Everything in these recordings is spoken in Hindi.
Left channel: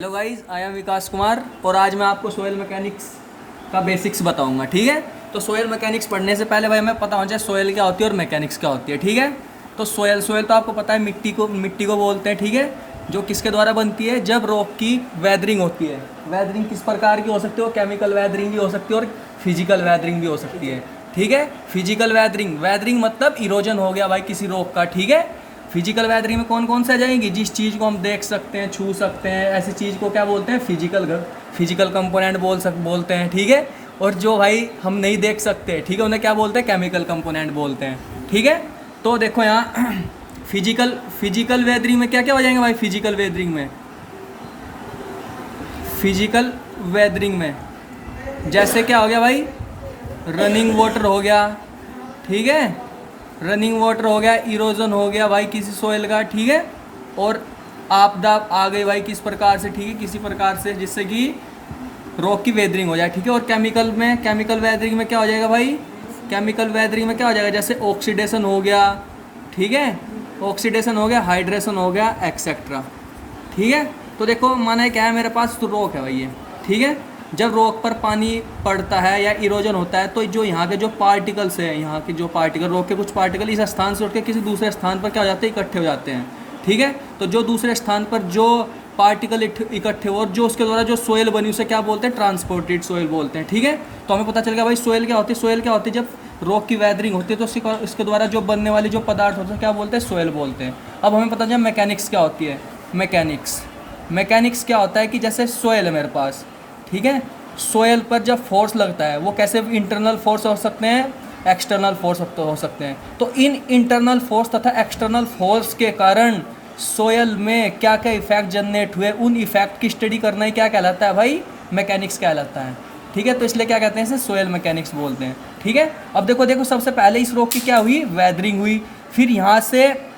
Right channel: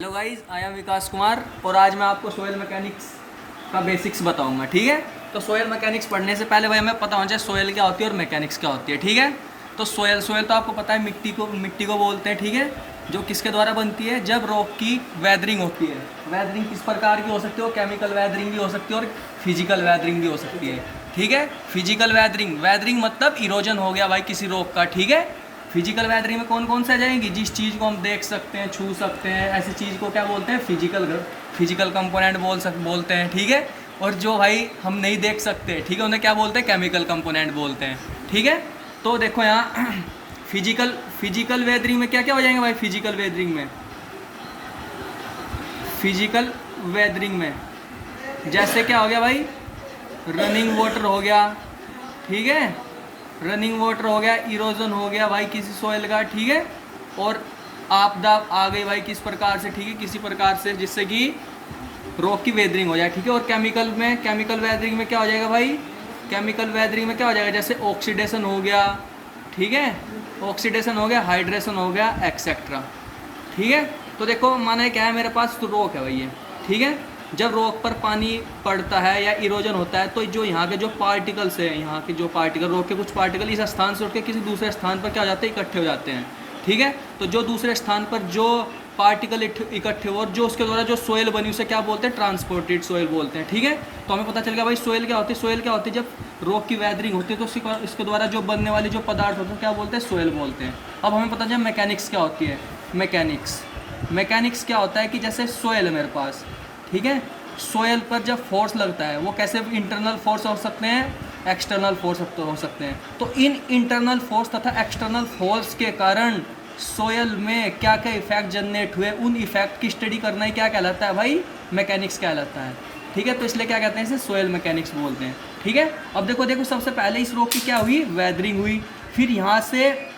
हेलो गाइस, आई एम विकास कुमार और आज मैं आपको सोयल मैकेनिक्स का बेसिक्स बताऊंगा। ठीक है, तो सोयल मैकेनिक्स पढ़ने से पहले भाई हमें पता होना चाहिए सोयल क्या होती है और मैकेनिक्स क्या होती है। ठीक है, तो सोयल सोयल तो आपको पता है मिट्टी को बोलते हैं। ठीक है, जो किसके द्वारा बनती है, जब रॉक की वेदरिंग होती है। वेदरिंग किस प्रकार की हो सकती है, वो केमिकल वेदरिंग भी हो सकती है और फिजिकल वेदरिंग भी हो सकती है। ठीक है, फिजिकल वेदरिंग, वेदरिंग मतलब इरोजन हो गया भाई किसी रॉक का। ठीक है, फिजिकल वेदरिंग में कौन कौन से आ जाएंगी, जिस चीज़ को हम देख सकते हैं, छू सकते हैं, ऐसी चीज़ को क्या बोलते हैं, फिजिकल कंपोनेंट बोलते हैं। ठीक है, और जो भाई हम नहीं देख सकते, ठीक है, उन्हें क्या बोलते हैं, केमिकल कंपोनेंट बोलते हैं। ठीक है, तो देखो यहाँ फिजिकल वेदरिंग में क्या क्या हो जाएंगे भाई, फिजिकल वेदरिंग में जैसे क्या हो गया भाई, रनिंग वाटर हो गया। ठीक है, रनिंग वाटर हो गया, इरोजन हो गया भाई किसी सोयल का। ठीक है, और आपदा आ गई भाई किस प्रकार से, ठीक है, किसी प्रकार से जिससे कि रॉक की वेदरिंग हो जाए। ठीक है, और केमिकल वेदरिंग में क्या हो जाएगा भाई, केमिकल वेदरिंग में क्या हो जाएगा, जैसे ऑक्सीडेशन हो गया। ठीक है, ऑक्सीडेशन हो गया, हाइड्रेशन हो गया, एक्सेट्रा। ठीक है, तो देखो माना है क्या है, मेरे पास तो रॉक है भाई ये। ठीक है, जब रॉक पर पानी पड़ता है या इरोजन होता है तो जो यहाँ के जो पार्टिकल्स हैं, यहाँ के जो पार्टिकल, रॉक के कुछ पार्टिकल इस स्थान से उठ के किसी दूसरे स्थान पर क्या हो जाते हैं, इकट्ठे हो जाते हैं। ठीक है, तो जो दूसरे स्थान पर जो पार्टिकल इकट्ठे हो और जो उसके द्वारा जो सोयल बनी उसे क्या बोलते हैं, ट्रांसपोर्टेड सोयल बोलते हैं। ठीक है, तो हमें पता चल गया भाई सोयल क्या होती है। सोयल क्या होती है, जब रॉक की वेदरिंग होती है तो इसके द्वारा जो बनने वाली जो पदार्थ होते हैं क्या बोलते हैं, सोयल बोलते हैं। अब हमें पता चला मैकेनिक्स क्या होती है। मैकेनिक्स क्या होता है कि जैसे सोयल है मेरे पास, ठीक है, सोयल पर जब फोर्स लगता है वो कैसे, इंटरनल फोर्स हो सकते हैं, एक्सटर्नल फोर्स हो सकते हैं। तो इन इंटरनल फोर्स तथा एक्सटर्नल फोर्स के कारण सोयल में क्या क्या इफेक्ट जनरेट हुए, उन इफेक्ट की स्टडी करना ही क्या कहलाता है भाई, मैकेनिक्स कहलाता है। ठीक है, तो इसलिए क्या कहते हैं, इसे सोयल मैकेनिक्स बोलते हैं। ठीक है, अब देखो सबसे पहले इस रॉक की क्या हुई, वेदरिंग हुई। फिर यहाँ से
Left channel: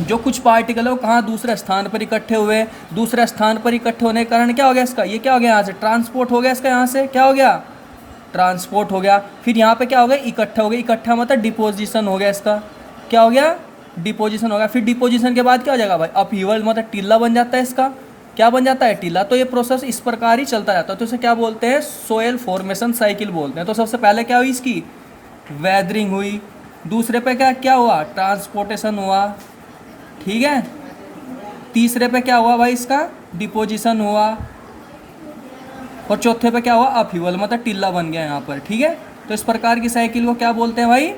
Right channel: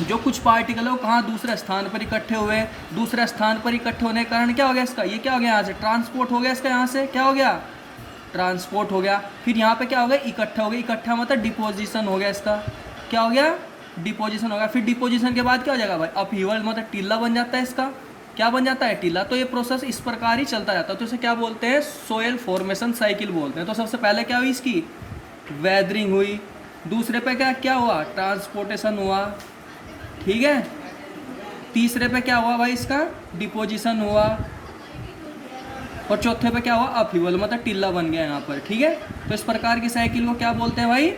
जो कुछ पार्टिकल है वो कहाँ, दूसरे स्थान पर इकट्ठे हुए। दूसरे स्थान पर इकट्ठे होने के कारण क्या हो गया, इसका ये क्या हो गया, यहाँ से ट्रांसपोर्ट हो गया, इसका यहाँ से क्या हो गया, ट्रांसपोर्ट हो गया। फिर यहाँ पे क्या हो गया, इकट्ठा हो गया, इकट्ठा मतलब डिपोजिशन हो गया, इसका क्या हो गया, डिपोजिशन हो गया। फिर डिपोजिशन के बाद क्या हो जाएगा भाई, अपहीवल मतलब टीला बन जाता है, इसका क्या बन जाता है, टीला। तो ये प्रोसेस इस प्रकार ही चलता रहता है, तो इसे क्या बोलते हैं, सोयल फॉर्मेशन साइकिल बोलते हैं। तो सबसे पहले क्या हुई, इसकी वेदरिंग हुई। दूसरे पे क्या क्या हुआ, ट्रांसपोर्टेशन हुआ। ठीक है, तीसरे पे क्या हुआ भाई, इसका डिपोजिशन हुआ। और चौथे पे क्या हुआ, अपहीवल मतलब टिल्ला बन गया यहाँ पर। ठीक है, तो इस प्रकार की साइकिल को क्या बोलते हैं भाई,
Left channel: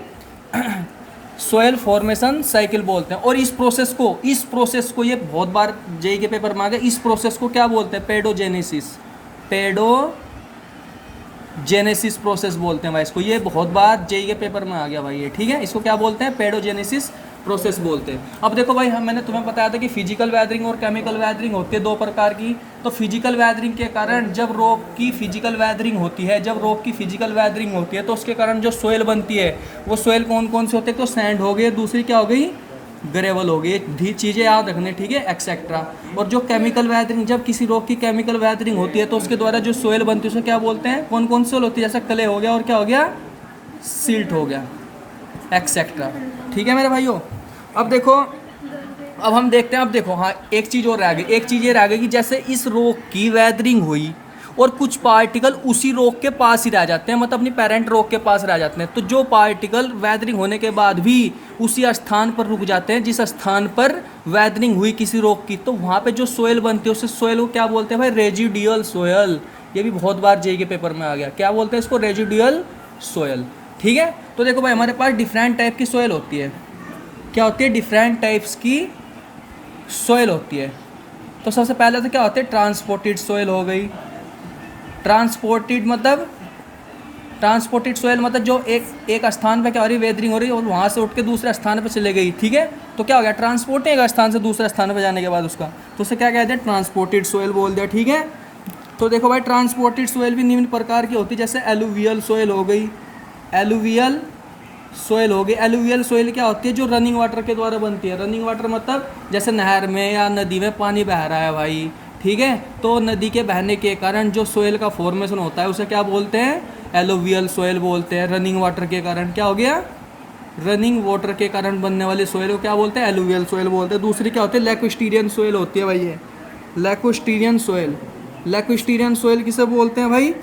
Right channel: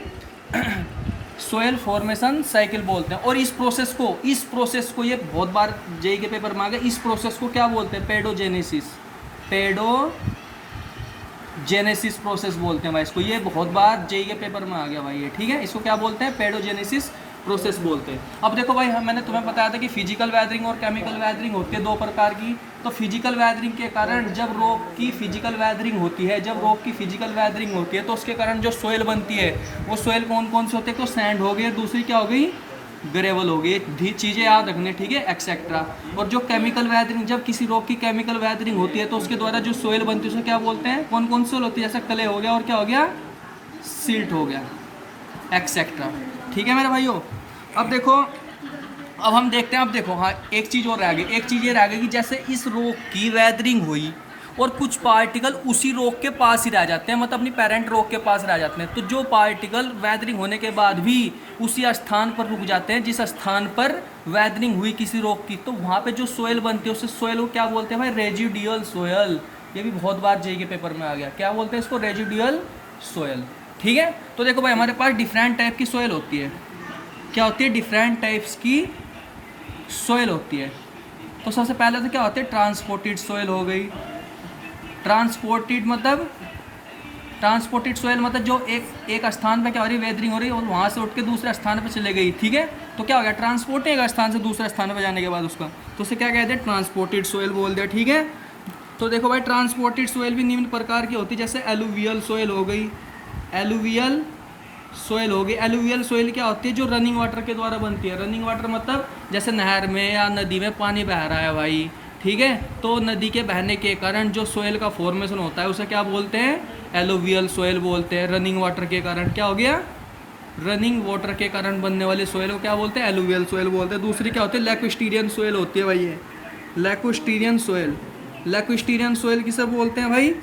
सोयल फॉर्मेशन साइकिल बोलते हैं। और इस प्रोसेस को ये बहुत बार जेई के पेपर में आ गया, इस प्रोसेस को क्या बोलते हैं, पेडोजेनेसिस प्रोसेस बोलते हैं भाई इसको। ये बहुत बार जेई के पेपर में आ गया भाई ये। ठीक है, इसको क्या बोलते हैं, पेडोजेनेसिस प्रोसेस बोलते हैं। अब देखो भाई, मैंने तुम्हें बताया था कि फिजिकल वेदरिंग और केमिकल वेदरिंग होती है दो प्रकार की। तो फिजिकल वेदरिंग के कारण जब रॉक की फिजिकल वेदरिंग होती है, तो उसके कारण जो सोयल बनती है, वो सोयल कौन कौन से होते हैं, तो सैंड हो गई, दूसरी क्या हो गई, ग्रेवल हो गई। चीज़ें याद रखने, ठीक है, एक्सेट्रा। और जो केमिकल वेदरिंग, जब किसी रॉक की केमिकल वेदरिंग होती है तो उसके द्वारा जो सोयल बनती है उसे क्या बोलते हैं, कौन कौन सोयल होती है, जैसे क्ले हो गया और क्या हो गया, सिल्ट हो गया, एक्सेट्रा। ठीक है मेरे भाइयों, अब देखो, अब हम देखते हैं, अब देखो हाँ, एक चीज़ और रह गई, एक चीज़ ये रह गई कि जैसे इस रॉक की वेदरिंग हुई और कुछ पार्टिकल उसी रॉक के पास ही रह जाते हैं, मतलब अपनी पेरेंट रॉक के पास रह जाते हैं। तो जो पार्टिकल वेदरिंग होने के बाद भी उसी स्थान पर रुक जाते हैं जिस स्थान पर वेदरिंग हुई किसी रॉक की, तो वहाँ पे जो सोयल बनती है उस सोयल को क्या बोलते हैं भाई, रेजिडुअल सोयल। ये भी बहुत बार जेई के पेपर में आ गया, क्या बोलते हैं इसको, रेजिडुअल सोयल। ठीक है, तो देखो भाई, हमारे पास डिफरेंट टाइप की सोयल होती है। क्या होती है, डिफरेंट टाइप्स की सोयल होती है। तो सबसे पहले तो क्या होते हैं, ट्रांसपोर्टेड सोयल हो गई। ट्रांसपोर्टेड सोयल मतलब जो एक स्थान पे क्या हो रही है, वेदरिंग हो रही है और वहाँ से उठ के दूसरे स्थान पे चले गई। ठीक है, तो क्या हो गया, ट्रांसपोर्ट एक स्थान से दूसरे स्थान पे जाने के बाद उसका, तो उसे क्या कहते हैं, ट्रांसपोर्टेड सोयल बोल दिया। ठीक है, तो देखो भाई, ट्रांसपोर्टेड सोयल भी निम्न प्रकार की होती है, जैसे एलुवियल सोयल हो गई। एलुवियल सोयल क्या होती है, जो रनिंग वाटर के द्वारा बनती है। रनिंग वाटर मतलब जैसे नहर में या नदी में पानी बह रहा है भाई, ठीक है, तो नदी के बहने के कारण जो सोयल का फॉर्मेशन होता है उसे क्या बोलते हैं, एलुवियल सोयल बोलते हैं। रनिंग वाटर के कारण क्या हो गया, रनिंग वाटर के कारण बनने वाली सोयल को क्या बोलते हैं, एलुवियल सोयल बोलते हैं। दूसरी क्या होती है, लैक्विस्टीरियन सोयल होती है भाई ये। लैक्विस्टीरियन सोयल। लैक्विस्टीरियन सोयल किसे बोलते हैं भाई?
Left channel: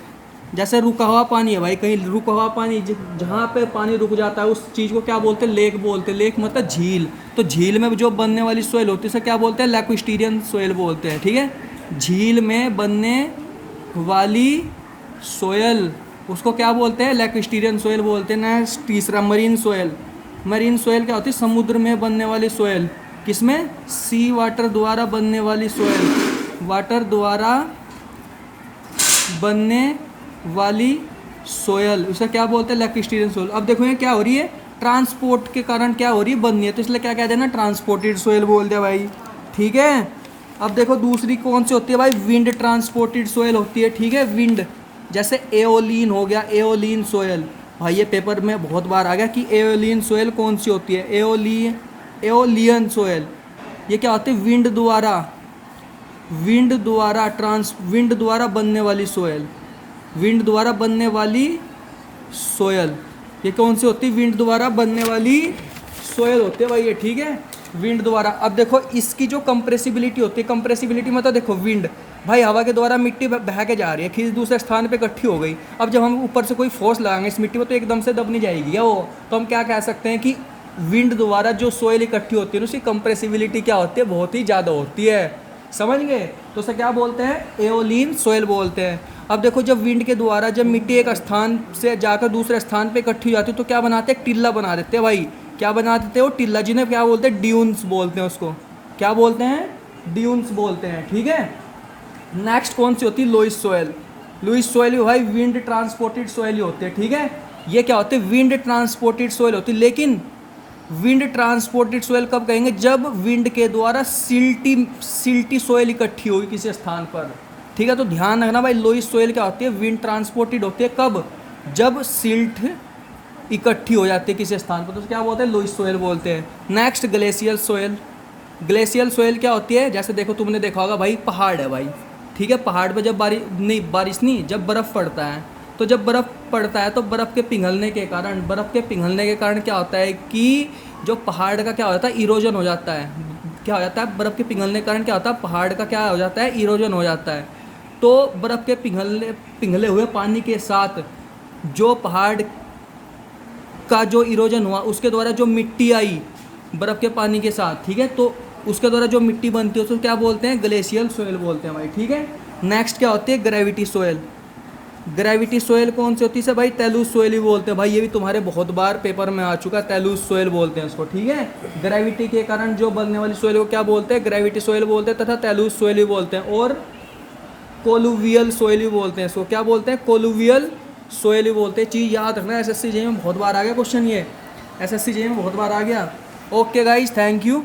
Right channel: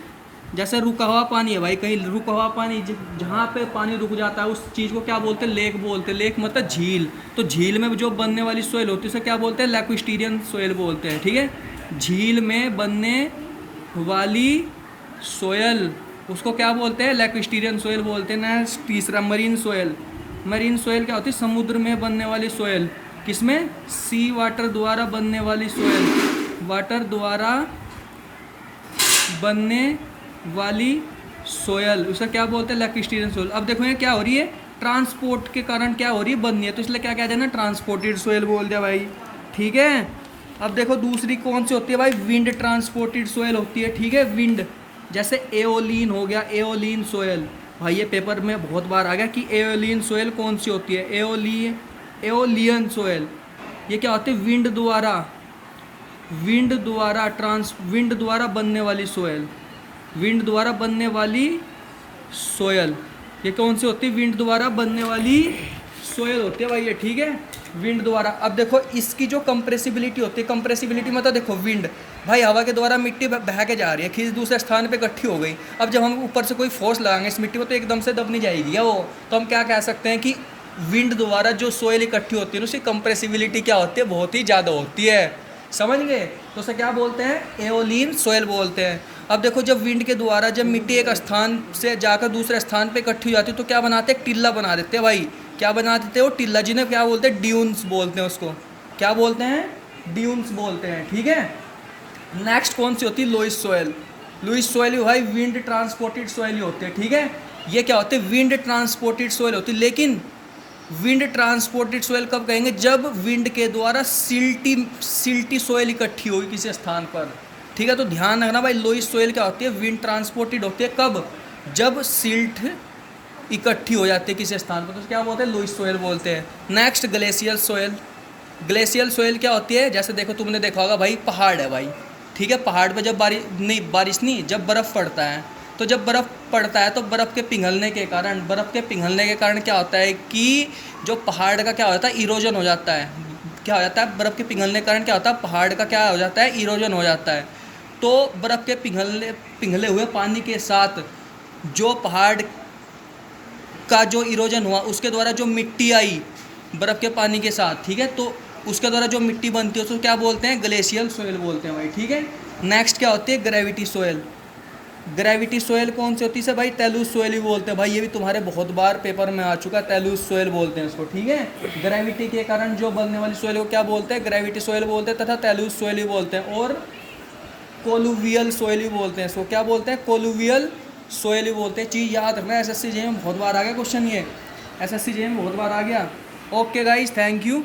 जैसे रुका हुआ पानी है भाई, कहीं रुका हुआ पानी, जहाँ पे पानी रुक जाता है उस चीज़ को क्या बोलते हैं? लेक बोलते हैं। लेक मतलब झील। तो झील में जो बनने वाली सोयल होती है उसे क्या बोलते हैं? लैक्विस्टीरियन सोयल बोलते हैं। ठीक है, झील में बनने वाली सोयल उसको क्या बोलते हैं? लैक्विस्टीरियन सोयल बोलते हैं। नेक्स्ट तीसरा मरीन सोयल। मरीन सोयल क्या होती है? समुद्र में बनने वाली सोयल। किसमें? सी वाटर द्वारा बनने वाली सोयल। वाटर द्वारा बनने वाली सोयल उसे क्या बोलते हैं? लैक्विस्टीरियन सोयल। अब देखो ये क्या हो रही है? ट्रांसपोर्ट के कारण क्या हो रही है? बननी है, तो इसलिए क्या कह देना? ट्रांसपोर्टेड सोयल बोल दिया भाई। ठीक है, अब देखो दूसरी कौन सी होती है भाई? विंड ट्रांसपोर्टेड सोयल होती है। ठीक है, विंड, जैसे एओलिन हो गया, एओलिन सोयल। भाई ये पेपर में बहुत बार आ गया कि एओलिन सोयल कौन सी होती है? Aeolian soil. ये क्या होती है? विंड द्वारा बनने वाली सोयल। विंड द्वारा बनने वाली सोयल ये कौन सी होती है? विंड द्वारा बनने वाली सोयल होती है भाई ये। ठीक है, विंड द्वारा। अब देखो इसकी जो कंप्रेसिबिलिटी होती है, कंप्रेसिबिलिटी मतलब देखो विंड भाई हवा के द्वारा मिट्टी बह के जा रही है, खींच दूसरे स्थान पे इकट्ठी हो गई। अब जब हम ऊपर से कोई फोर्स लगाएंगे इस मिट्टी में तो एकदम से दब नहीं जाएगी या वो, तो हम क्या कह सकते हैं कि विंड द्वारा जो सोयल इकट्ठी होती है उसकी कंप्रेसिबिलिटी क्या होती है? बहुत ही ज़्यादा होती है। समझ गए? तो उसे क्या बोलते हैं? एओलिन सोयल बोलते हैं। अब देखो जब विंड के द्वारा जब मिट्टी एक स्थान से जाकर दूसरे स्थान पे इकट्ठी हो जाती है तो क्या बनाते हैं? टिल्ला बना देते हैं भाई। क्या बना देते हो? टिल्ला, जिन्हें क्या बोलते हैं? ड्यून्स बोलते हैं उसको। क्या बोलते हैं? ड्यून्स बोलते हैं। ठीक है, नेक्स्ट कौन सी होती है? Louis soil. लुइस सोयल भी भाई विंड ट्रांसपोर्टेड सोयल ही होते हैं। ठीक है, ये क्या होते हैं? विंड ट्रांसपोर्टेड सोयल होती है। लेकिन विंड ट्रांसपोर्टेड सोयल कब कहेंगे? जब विंड के द्वारा सिल्टी सोयल इकट्ठी होगी किसी स्थान पर। ठीक है, तो ध्यान रखना भाई, लोइस सोयल क्या होती है? विंड ट्रांसपोर्टेड होती है। कब? जब सिल्ट इकट्ठी हो जाती है किसी स्थान पर, तो क्या बोलते हैं? लोइस सोयल बोलते हैं। Next glacial soil. Glacial soil क्या होती है? जैसे देखो तुमने देखा होगा भाई, पहाड़ है भाई। ठीक है, पहाड़ पे जब बारिश नहीं, जब बर्फ़ पड़ता है, तो जब बर्फ़ पड़ता है तो बर्फ़ के पिघलने के कारण क्या होता है कि जो पहाड़ का क्या हो जाता है? इरोजन हो जाता है। क्या हो जाता है? बर्फ़ के पिघलने के कारण क्या होता है? पहाड़ का क्या हो जाता है? इरोजन हो जाता है। तो बर्फ़ के पिघले हुए पानी के साथ जो पहाड़ का जो इरोजन हुआ उसके द्वारा जो मिट्टी आई बर्फ़ के पानी के साथ, ठीक है, तो उसके द्वारा जो मिट्टी बनती है उसको क्या बोलते हैं? ग्लेशियल सोयल बोलते हैं भाई। ठीक है, नेक्स्ट क्या होती है? Gravity soil. ग्रेविटी सोयल कौन सी होती है भाई? तेलुज सोयल भी बोलते हैं भाई, ये भी तुम्हारे बहुत बार पेपर में आ चुका है। तेलुज सोयल बोलते हैं इसको। ठीक है, ग्रेविटी के कारण जो बनने वाली सोयल को क्या बोलते हैं? ग्रेविटी सोयल बोलते हैं, तथा तेलुज सोयल भी बोलते हैं, और कोलुवियल सोयल भी बोलते हैं इसको। क्या बोलते हैं? कोलुवियल सोयल भी बोलते हैं। चीज़ याद रखना, एसएससी जेईई में बहुत बार आ गया क्वेश्चन, ये एसएससी जेईई में बहुत बार आ गया। Okay guys, thank you.